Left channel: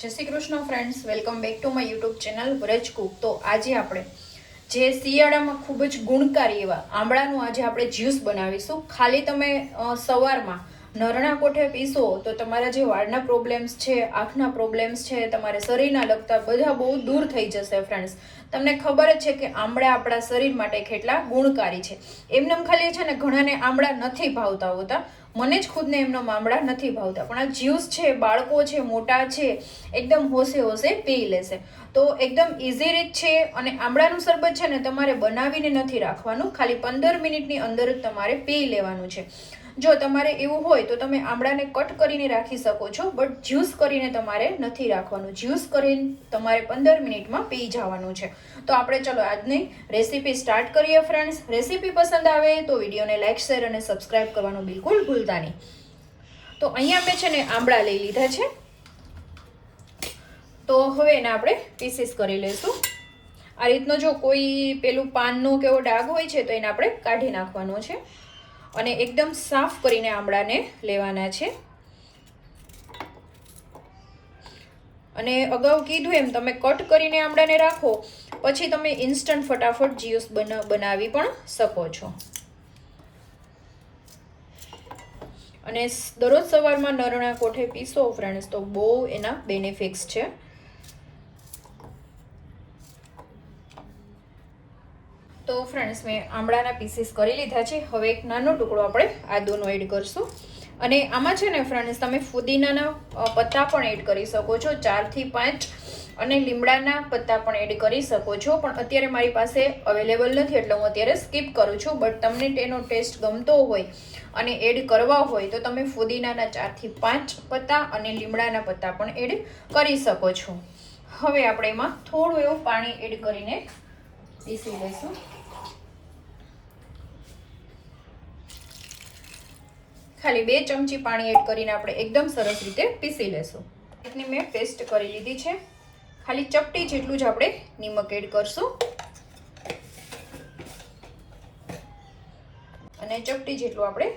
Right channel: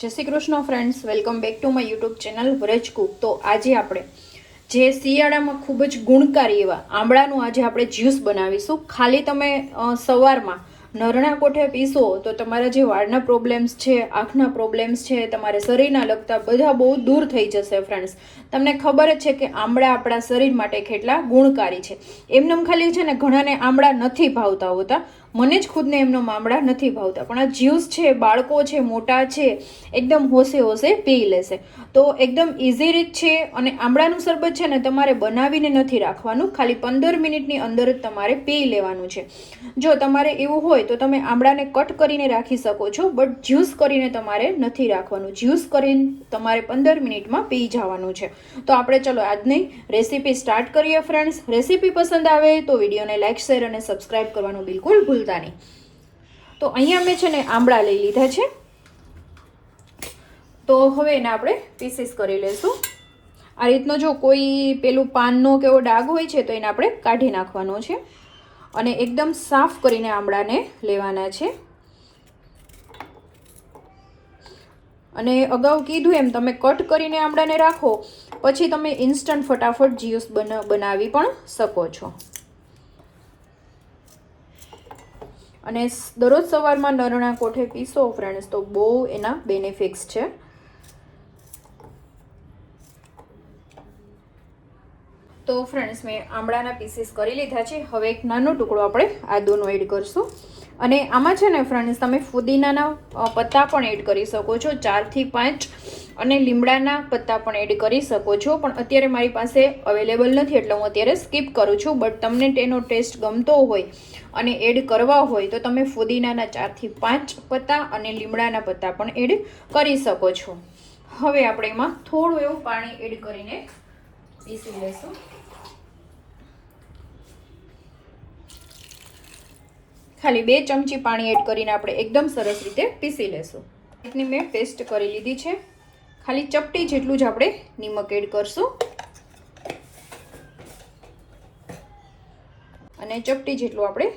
જય Shri Krishna friends welcome back to my YouTube channel Vraj cook. તો આજે આપણે જે શિયાળામાં ખૂબ જ ગુણકારી એવા આંબળાનું આજે આપણે જ્યુસ બનાવીશું. ખાલી તમે સવારમાં નરણા કોઠે પીશો તો તમારા જે વાળના પ્રોબ્લેમ્સ છે, આંખના પ્રોબ્લેમ્સ છે, તમારે શરીરના લગતા બધા બહુ દૂર થઈ જશે ફ્રેન્ડ્સ તમને ખબર જ છે કે આંબળા આપણા શરીર માટે કેટલા ગુણકારી છે. એમનેમ ખાલી છે ને ઘણાને આંબળા નથી ભાવતા હોતા. મને જ ખુદને એમનો મામડા નથી ભાવતા. પણ આ જ્યુસ છે, બાળકો છે, મોટા છે, એકદમ હોશે હોશે પી લેશે. તો એકદમ ઇઝી રીત છે અને આંબળાનું શરબત છે ને તમારે બનાવીને નથી રાખવાનું. ખાલી પંદર મિનિટની અંદર જ તમારે પી લેવાનું છે. જો તમારે એવું હોય તો તમે આંબળાને કટ કરીને રાખી શકો છો, બટ જ્યુસ કરીને તમારે નથી રાખવાનું. જ્યુસ કરીને તમારે પંદર મિનિટમાં પી જવાનું છે. તો આપણે ચલો આજની રેસીપી સ્ટાર્ટ કરીએ ફ્રેન્ડ્સ રેસીપી પસંદ આવે તો વિડીયોને લાઇક શેર અને સબસ્ક્રાઇબ કરવાનું બિલકુલ ભૂલતા તો અહીંયા મેં છે ને આંબળા લઈ લીધા છે. તો હવે એને આપણે પીસીસ કરી લઈશું આ રીતનો જો કોઈ પેલું પાનનો કે એવો ડાઘ હોય છે તો એને આપણે કાઢી નાખવાનો છે. અને એકદમ સાફ કરીને આંબળાને લેવાના છે. અને અગાઉ કીધું એમ, તમે કટ કરીને આંબળાને રાખો, પછી તમે ઇન્સ્ટન્ટ ફટાફટ જ્યુસ બના, બનાવી પણ શકો છો. અને દરરોજ સવારમાં નરણા કોઠે પીસો ફ્રેન્ડ્સ તો બહુ એના બેનિફિટ્સ છે. તો ફ્રેન્ડ્સ મેં આમળાના પીસીસ કરી લીધા છે. હવે એક નાનો ટુકડો આપણે આદુનો એડ કરશું. અને આમાં છે ને ફ્રેન્ડ્સ તમે ફુદીનાના પત્તા પણ એડ કરી શકો છો. ચારથી પાંચ અને લીમડાના પત્તા પણ એડ કરી શકો છો. પણ અત્યારે મારી પાસે અવેલેબલ નથી, એટલે હું અત્યારે સ્કીપ કરું છું. બટ તમને તેનો ટેસ્ટ ગમતો હોય અને એડ કરવા હોય, તો તમે ફુદીનાના ચારથી પાંચ પત્તા અને લીમડાના પત્તા પણ એડ કરી શકો છો. હવે આપણે એમાં થોડું એવું પાણી એડ કરીને પીસી લઈશું. ખાલી બે ચમચી પાણી એડ કરીને આપણે એકદમ સરસ રીતે પીસી લેશું. મેં પેસ્ટ કરી લીધી છે. ખાલી ચપટી જેટલું જ આપણે નિમક એડ કરશું. અને ચપટી જેટલું આપણે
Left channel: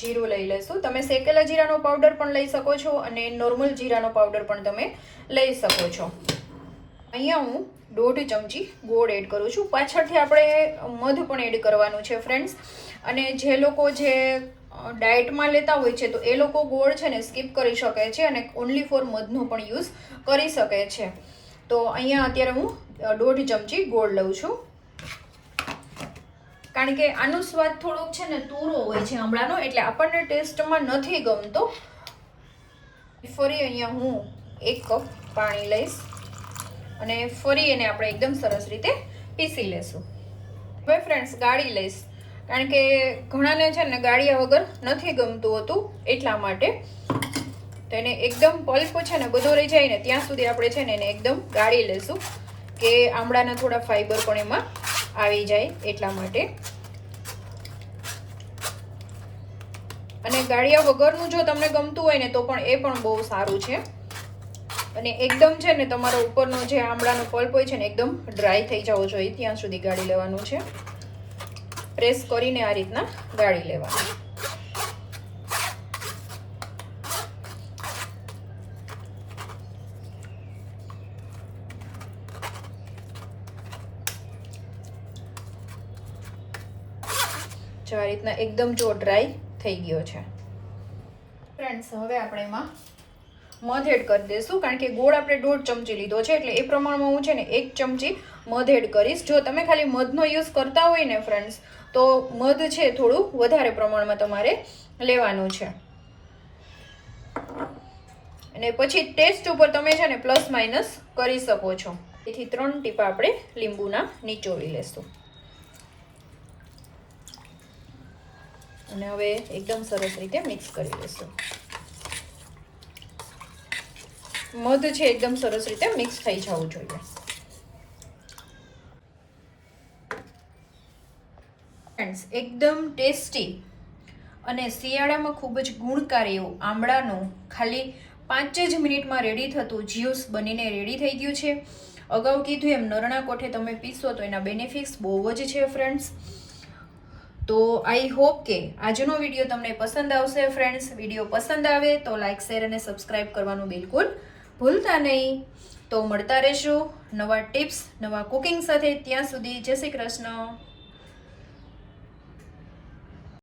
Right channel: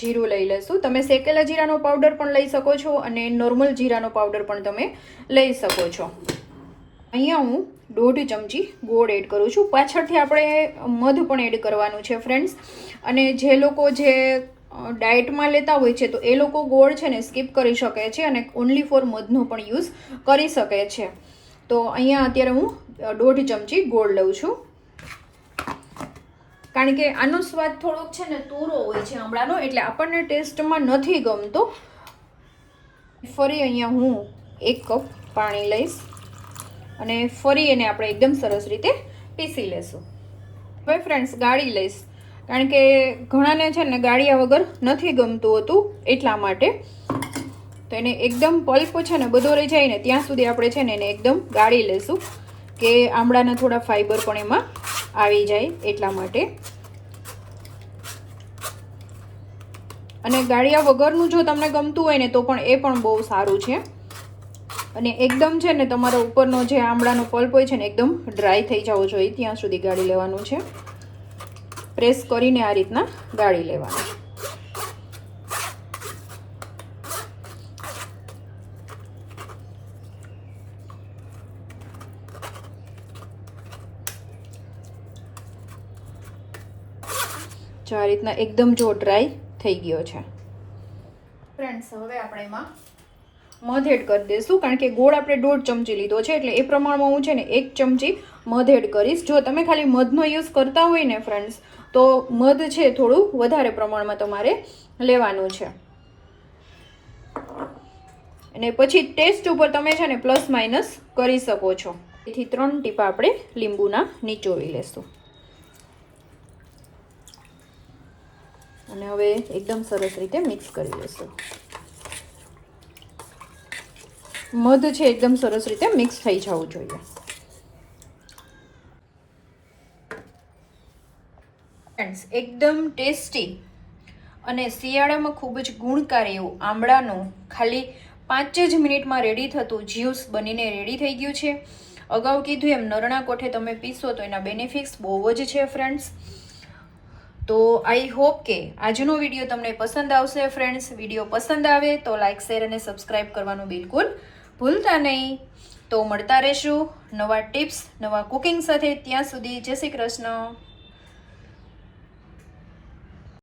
જીરું લઈ લઈશું. તમે શેકેલા જીરાનો પાવડર પણ લઈ શકો છો અને નોર્મલ જીરાનો પાવડર પણ તમે લઈ શકો છો. અહીંયા હું દોઢ ચમચી ગોળ એડ કરું છું. પાછળથી આપણે મધ પણ એડ કરવાનું છે ફ્રેન્ડ્સ અને જે લોકો જે ડાયટમાં લેતા હોય છે, તો એ લોકો ગોળ છે ને સ્કીપ કરી શકે છે અને ઓનલી ફોર મધનો પણ યુઝ કરી શકે છે. તો અહીંયા અત્યારે હું દોઢ ચમચી ગોળ લઉં છું. કારણ કે આનો સ્વાદ થોડોક છે ને તોરો હોય છે હમણાંનો, એટલે આપણને ટેસ્ટમાં નથી ગમતો. ફરી અહીંયા હું એક કપ પાણી લઈશ અને ફરી એને આપણે એકદમ સરસ રીતે પીસી લેશું. હવે ફ્રેન્ડ્સ ગાળી લઈશ. કારણ કે ઘણાને છે ને ગાળિયા વગર નથી ગમતું હતું એટલા માટે. તો એને એકદમ પલ્પ છે ને બધો રહી જાય ને ત્યાં સુધી આપણે છે ને એને એકદમ ગાળી લેશું કે આમળાના થોડા ફાઈબર પણ એમાં આવી જાય એટલા માટે. અને ગાળિયા વગરનું જો તમને ગમતું હોય ને તો પણ એ પણ બહુ સારું છે. અને એકદમ છે ને તમારો ઉપરનો જે આમળાનો પલ્પ હોય છે ને એકદમ ડ્રાય થઈ જવો જોઈએ ત્યાં સુધી ગાળી લેવાનું છે. પ્રેસ કરીને આ રીતના ગાળી લેવાનું. જો આ રીતના એકદમ જો ડ્રાય થઈ ગયો છે. ફ્રેન્ડ્સ હવે આપણે એમાં મધ એડ કરી દઈશું, કારણ કે ગોળ આપણે દોઢ ચમચી લીધો છે, એટલે એ પ્રમાણમાં હું છે ને એક ચમચી મધ એડ કરીશ. જો તમે ખાલી મધનો યુઝ કરતા હોય ને ફ્રેન્ડ્સ તો મધ છે થોડું વધારે પ્રમાણમાં તમારે લેવાનું છે. અને પછી ટેસ્ટ ઉપર તમે છે ને પ્લસ માઇનસ કરી શકો છો. તેથી ત્રણ ટીપા આપણે લીંબુના નીચોવી લેશું. અને હવે એકદમ સરસ રીતે મિક્સ કરી લેશું મધ છે એકદમ સરસ રીતે મિક્સ થઈ જવું જોઈએ. ફ્રેન્ડ્સ એકદમ ટેસ્ટી અને શિયાળામાં ખૂબ જ ગુણકારી એવું આંબળાનું ખાલી પાંચ જ મિનિટમાં રેડી થતું જ્યુસ બનીને રેડી થઈ ગયું છે. અગાઉ કીધું એમ, નરણા કોઠે તમે પીશો તો એના બેનિફિટ્સ બહુ જ છે ફ્રેન્ડ્સ તો આઈ હોપ કે આજનો વીડિયો તમને પસંદ આવશે ફ્રેન્ડ્સ. વીડિયો પસંદ આવે તો લાઇક શેર અને સબસ્ક્રાઈબ કરવાનું બિલકુલ ભૂલતા નહીં. તો મળતા રહેશું નવા ટિપ્સ, નવા કુકિંગ સાથે. ત્યાં સુધી જય શ્રી કૃષ્ણ.